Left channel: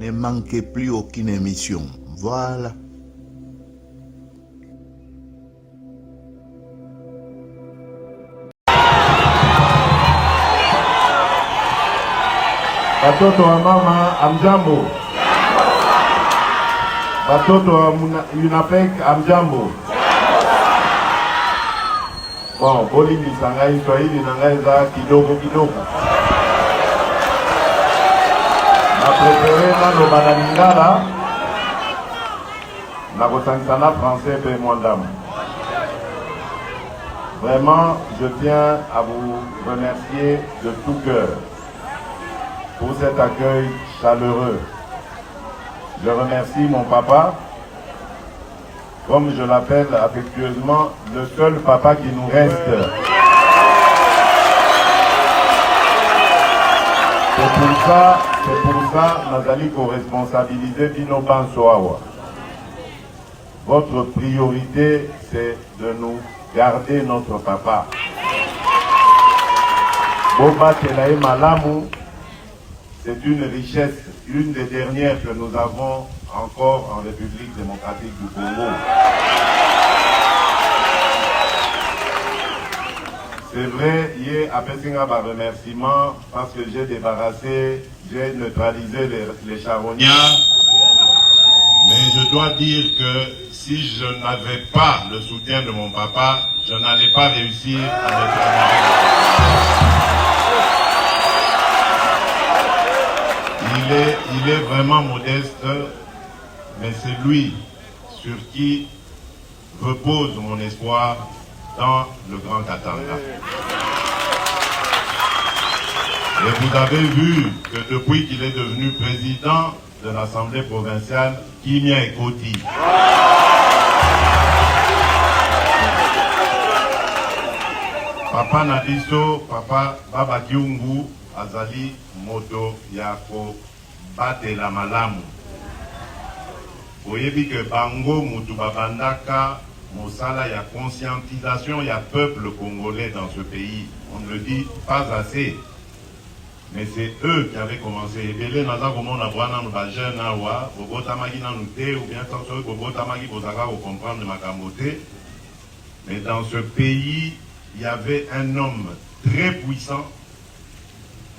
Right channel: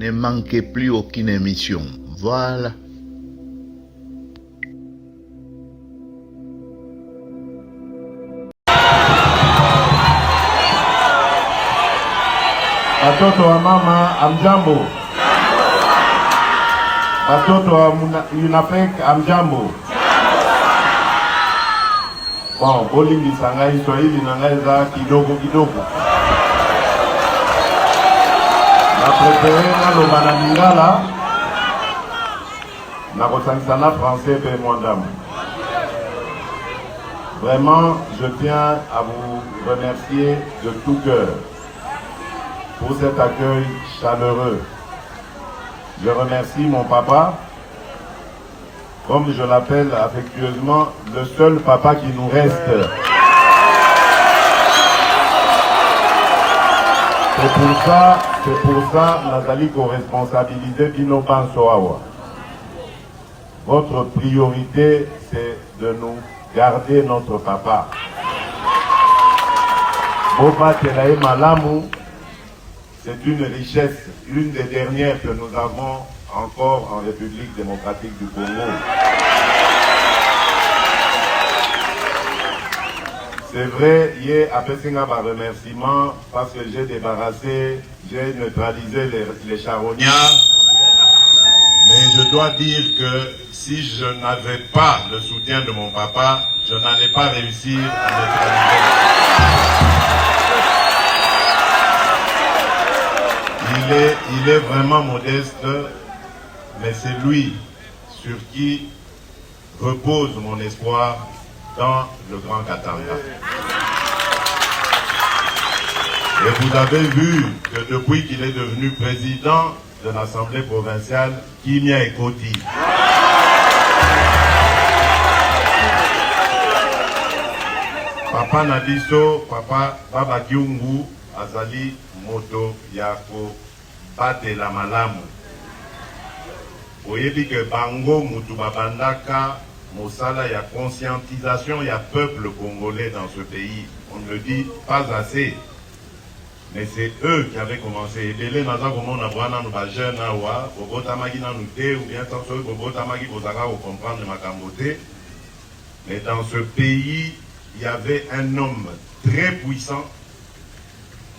Ne manquez plus aucune émission. Voilà. Watoto wa mama amjambo. Watoto wa UNAPEC amjambo. Bon, boli nisangai Swahili naweza kidogo kidogo. Na preferera lugha lingana na kosanisana français pe mondamu. Vraiment, je tiens à vous remercier de tout cœur pour cet accueil chaleureux. Je remercie mon papa, comme je l'appelle affectueusement, le seul papa qui nous reste. C'est pour ça, Nazali co-responsabilisé Bino Bansoawa. Votre priorité, c'est de nous garder notre papa. Boba Telaï Malamu, c'est une richesse, une des dernières que nous avons encore en République démocratique du Congo. C'est vrai, hier, après un remerciement, parce que j'ai débarrassé, j'ai neutralisé les charognards. Mais je dois dire que si je n'avais pas le soutien de mon papa, je n'allais pas réussir à neutraliser. Il est vraiment modeste, mais c'est lui sur qui repose mon espoir dans le Grand Katanga. Et vous avez vu que depuis qu'il est devenu président de l'Assemblée provinciale, Kimia Ekoti. Papa Nabiso, Papa Baba Kiungu, Azali Moto Yako Batela Malamu. Oyebi que Bango Mutu Babandaka, Mosala, il y a conscientisation, il y a peuple congolais dans ce pays. On ne le dit pas assez. Mais c'est eux qui avaient commencé. Et là, nous avons des jeunes, ou bien comprendre ma camoté. Mais dans ce pays, il y avait un homme très puissant,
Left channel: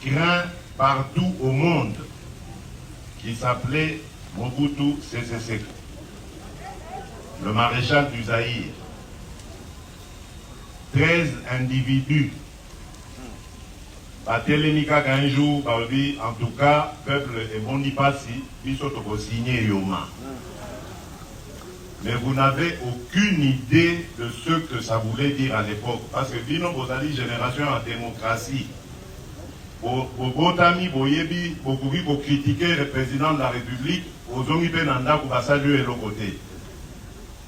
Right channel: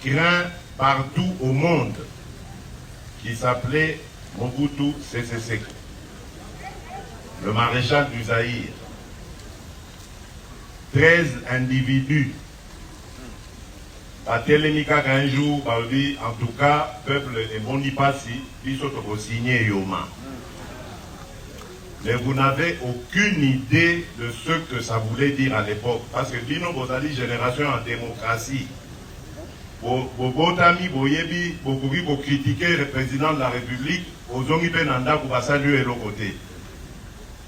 craint partout au monde, qui s'appelait Mobutu Sese Seko, le maréchal du Zaïre. 13 individus. Batelemika un jour, en tout cas, peuple et bon passi, ils sont signé Yoma. Mais vous n'avez aucune idée de ce que ça voulait dire à l'époque. Parce que Bino Bozali, génération en démocratie. Bobotami, Boyebi, Bokubi, pour critiquer le président de la République, aux hommes Penanda, pour saluer l'autre côté.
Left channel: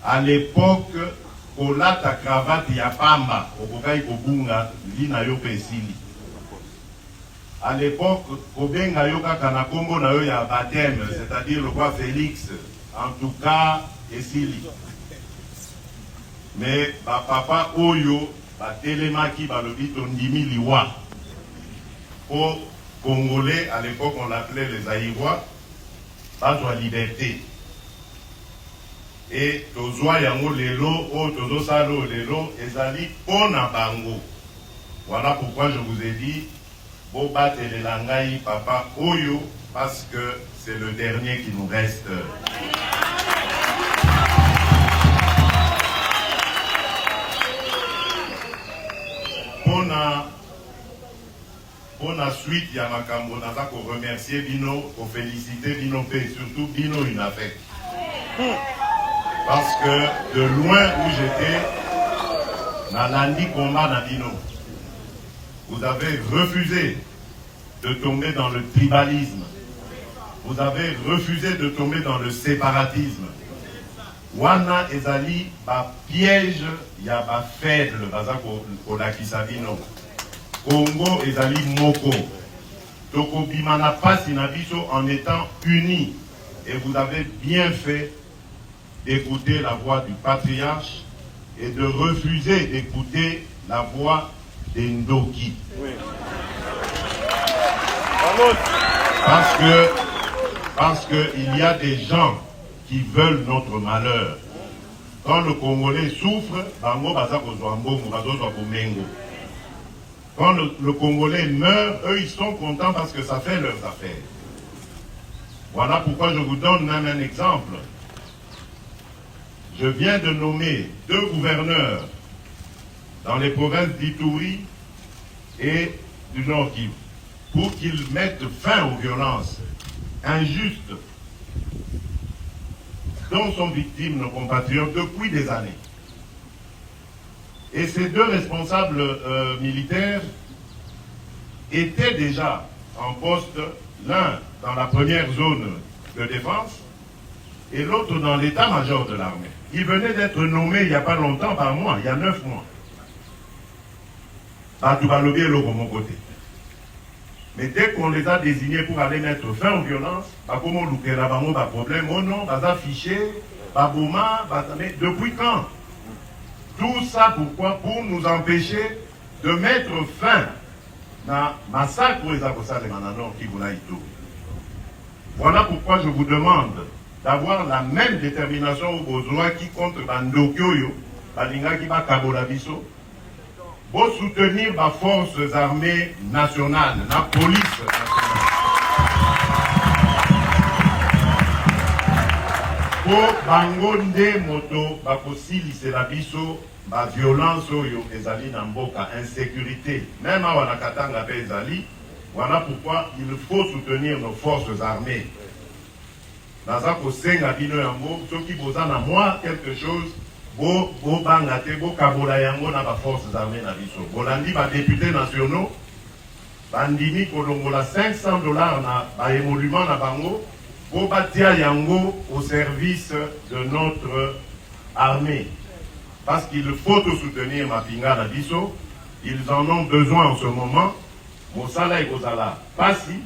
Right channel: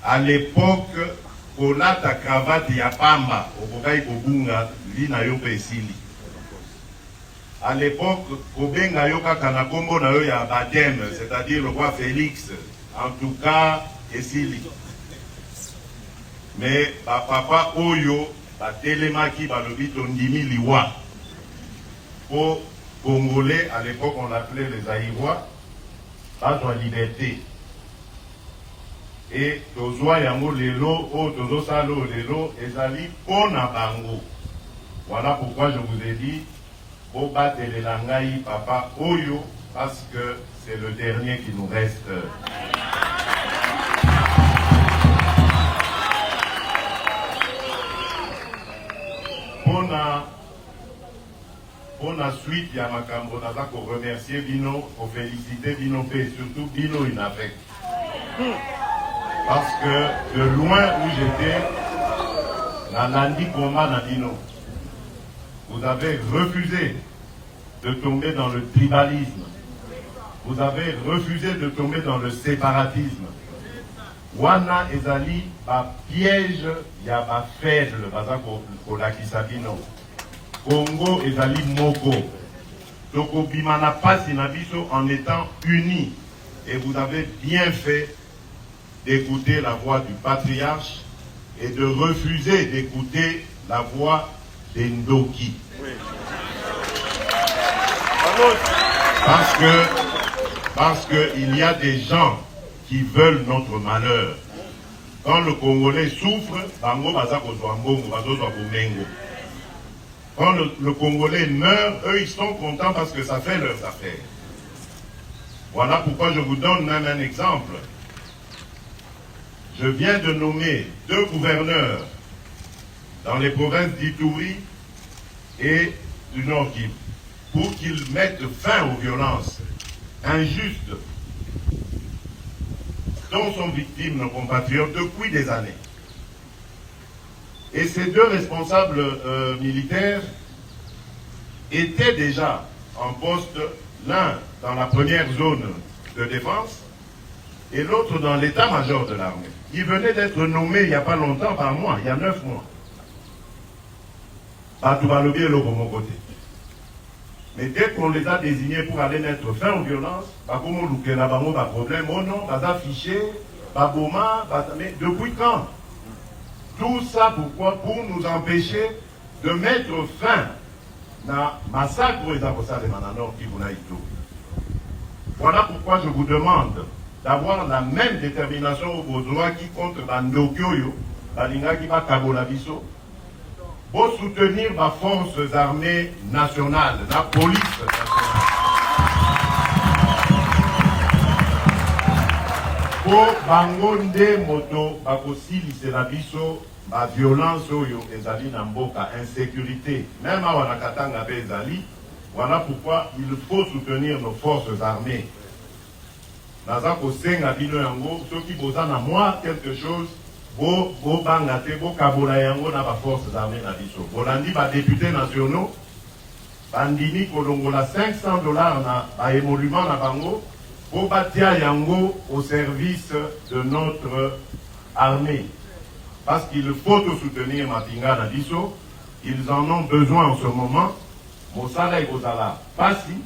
À l'époque, Kolata cravate Yapamba, au Bokai Kobunga, Lina Yope Sili. À l'époque, Kobenga Yoka Kanakombo na yo ya baptême, c'est-à-dire le roi Félix, en tout cas, Esili. Mais papa Oyo, Telemaki, Balobi Tondimi Liwa. Aux Congolais, à l'époque, on l'appelait les Aïrois, pas de liberté. Et Tozoa Yango Lelo, O Tozo Salo Lelo, Ezali Pona Bango. Voilà pourquoi je vous ai dit, Boba Telelangai, Papa Oyo, parce que c'est le dernier qui nous reste. Pour la suite, Yamakambo Naza, pour remercier Bino, pour féliciter Bino et surtout Bino UNAPEC. Parce que de loin où j'étais, Nalandi combat dans Bino. Vous avez refusé de tomber dans le tribalisme. Vous avez refusé de tomber dans le séparatisme. Wana ezali ba piège ya ba faible baza ko lakisa bino. Congo ezali moko. Toko bimana pasi na biso en étant unis. Et vous avez bien fait d'écouter la voix du patriarche et de refuser d'écouter la voix d'Endoki. Parce que Parce qu'il y a des gens qui veulent notre malheur. Quand le Congolais souffre, bango baza kozwa mbongo, bazozwa komengo. Quand le Congolais meurt, eux ils sont contents parce que ça fait leurs affaires. Voilà pourquoi je vous donne même un exemple. Je viens de nommer 2 gouverneurs dans les provinces d'Ituri et du Nord Kivu pour qu'ils mettent fin aux violences injustes dont sont victimes nos compatriotes depuis des années. Et ces 2 responsables militaires étaient déjà en poste, l'un dans la première zone de défense et l'autre dans l'état-major de l'armée. Ils venaient d'être nommés il n'y a pas longtemps, par mois, il y a 9 mois. Mais dès qu'on les a désignés pour aller mettre fin aux violences, problème, oh non, fiché, mais depuis quand? Tout ça pourquoi? Pour nous empêcher de mettre fin à massacre de Mananor qui vous l'a dit. Voilà pourquoi je vous demande d'avoir la même détermination au besoin qui contre Bandokyo, Balinga qui va Kabolabiso, pour soutenir les forces armées nationales, la police nationale. Pour Bangonde Moto, Bakosili, c'est la biso, la violence, ezali namboka, insécurité. Même à Wanakatanga, ezali. Voilà pourquoi il faut soutenir nos forces armées. Nazako senga bino yango, ceux qui besoin à moi quelque chose, bo bangate, bo kabola yango na ba forces armées na biso. Bolandi ba députés nationaux, bandimi kolongola $500 na ba émolument na bango, bo batia yango au service de notre armée. Parce qu'il faut soutenir Mapinga na biso, ils en ont besoin en ce moment. Mosala et Gozala, Passi,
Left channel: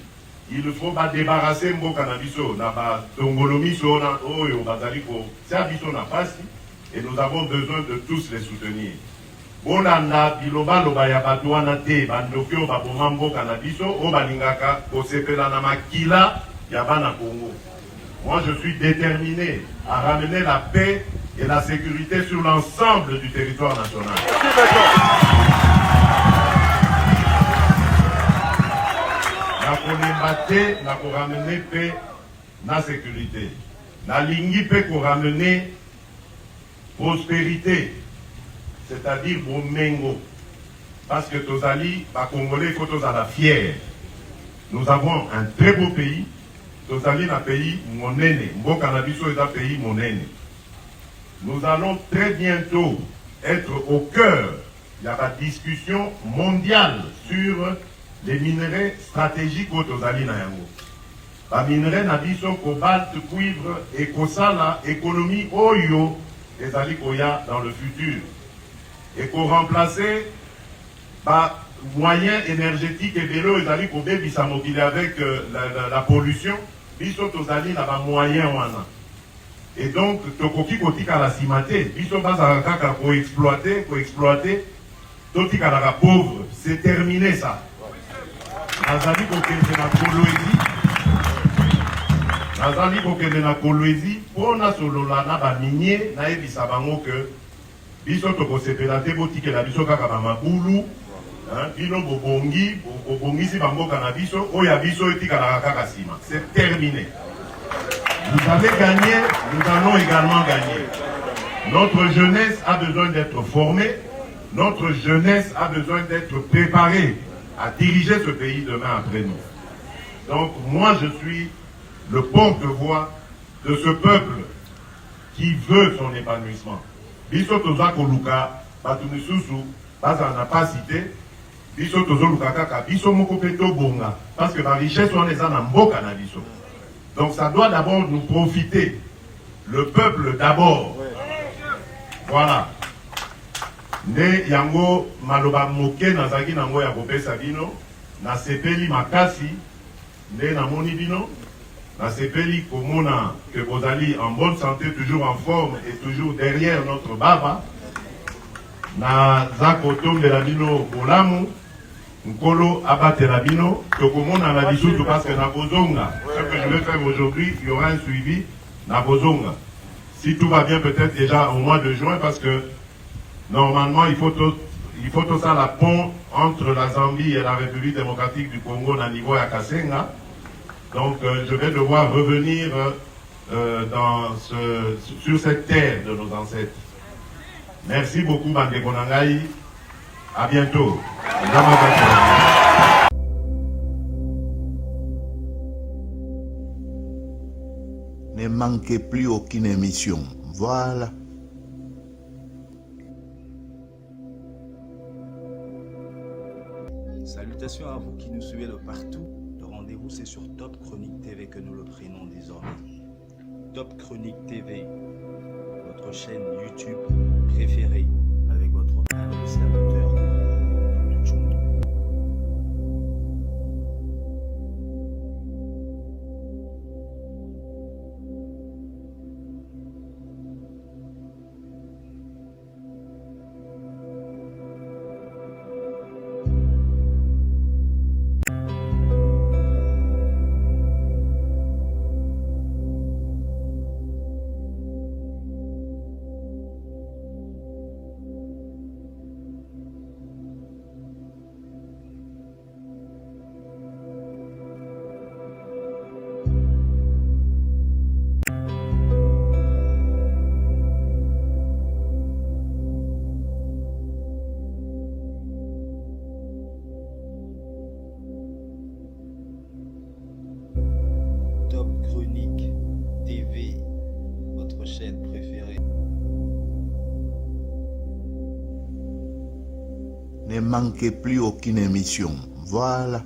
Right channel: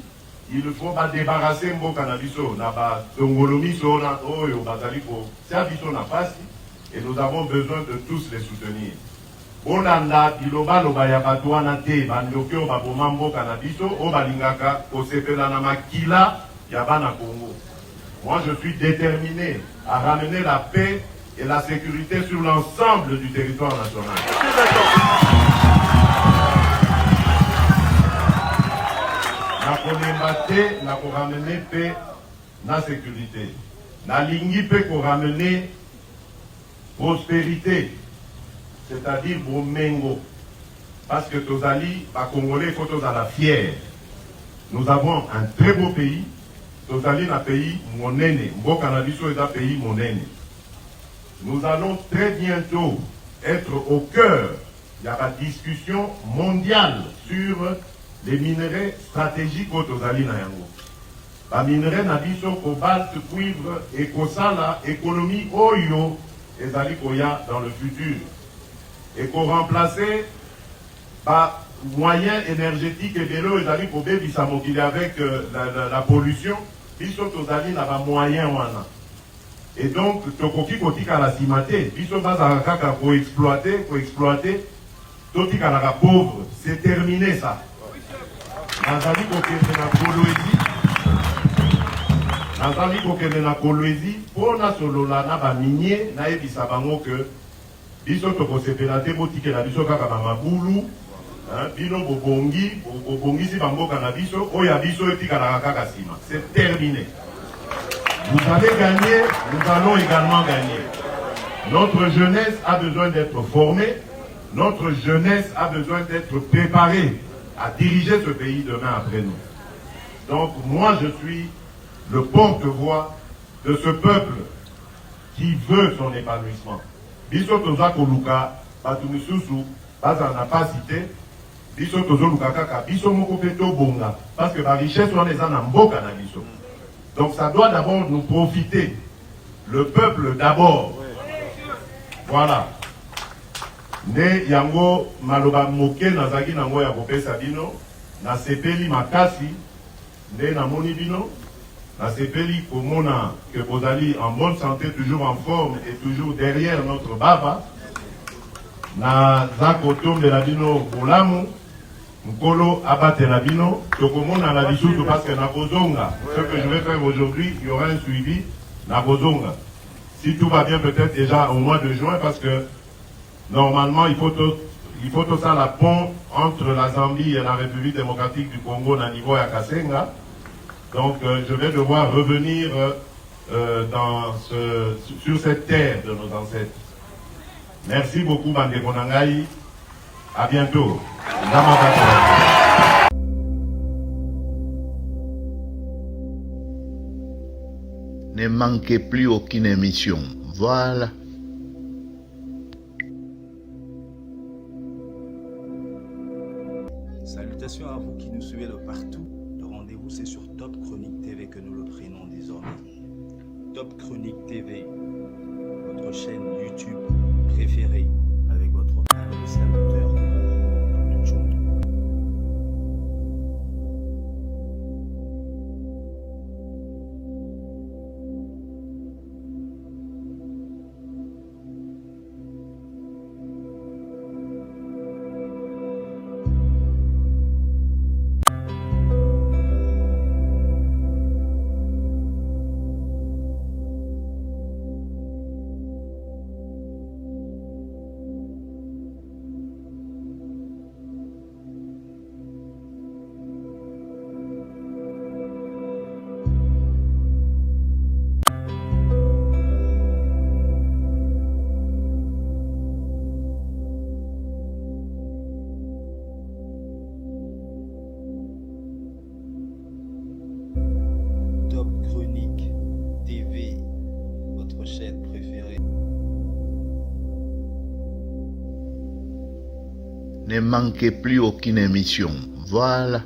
il faut pas débarrasser Mboka na biso, na ba Tongolomi sona oyo bazaliko, ça biso na Passi, et nous avons besoin de tous les soutenir. Bolanda, biloba loba ya batuana te, bandokyo baboma Mboka na biso, o balingaka, kosepela na makila, yabana Congo. Moi je suis déterminé à ramener la paix et la sécurité sur l'ensemble du territoire national. La pour ramener paix, la sécurité. La ligne paix pour ramener prospérité, c'est-à-dire pour Mengo. Parce que Tozali, les Congolais, il faut tous à la fière. Nous avons un très beau pays. Tozali est un pays monene. Mboka na biso est un pays monene. Nous allons très bientôt être au cœur de la discussion mondiale sur les minerais stratégiques aux Tozali na yango. Les minerais na biso cobalt, cuivre et kosala économie oyo ezali koya dans le futur. Et qu'on remplacer par moyens énergétiques et vélo ezali kobe bisamokili avec la pollution, biso Tozali na ba moyen wana. Et donc tokoki kotika la simate, biso baza kaka ko exploiter, totika la pauvre, c'est terminé ça. Nazali kokende na Kolwezi pona solola na ba minier na ebisa bango que biso tokosepela te botikela biso kaka ba mabulu bino bobongisi bamboka na biso oya biso etikala kaka sima. C'est terminé. Vous avez gagné, nous allons également gagner. Notre jeunesse a besoin d'être formée, notre jeunesse a besoin d'être préparée à diriger ce pays demain après nous. Donc moi je suis le porte-voix de ce peuple qui veut son épanouissement. Biso toza koluka batumisusu baza na pas cité biso tozo luka kaka biso moko peto bonga parce que la richesse on est en mboka na biso. Donc ça doit d'abord nous profiter. Le peuple d'abord. Voilà. Ne yango maloba moke na zaki na ngoya kopesa dino na sepeli makasi ne na moni dino na sepeli komona que bozali en bonne santé, toujours en forme et toujours derrière notre baba na zakoto melabino bolamu Nkolo Abaterabino, Tokomon à la Bissoutou parce que Nabozonga, ce que je vais faire aujourd'hui, il y aura un suivi Nabozonga. Si tout va bien, peut-être déjà au mois de juin, parce que normalement, il faut tout ça la pont entre la Zambie et la République démocratique du Congo, Nanigo et Akasenga. Donc, je vais devoir revenir sur cette terre de nos ancêtres. Merci beaucoup, Bande Konangai. À bientôt. Ne manquez plus aucune émission. Voilà. Salutations à vous qui nous suivez de partout. Le rendez-vous, c'est sur Top Chronique TV que nous le prenons désormais. Top Chronique TV, votre chaîne YouTube préférée, avec votre serviteur Dr. Chumbo. Top Chronique TV, votre chaîne préférée. Ne manquez plus aucune émission. Voilà.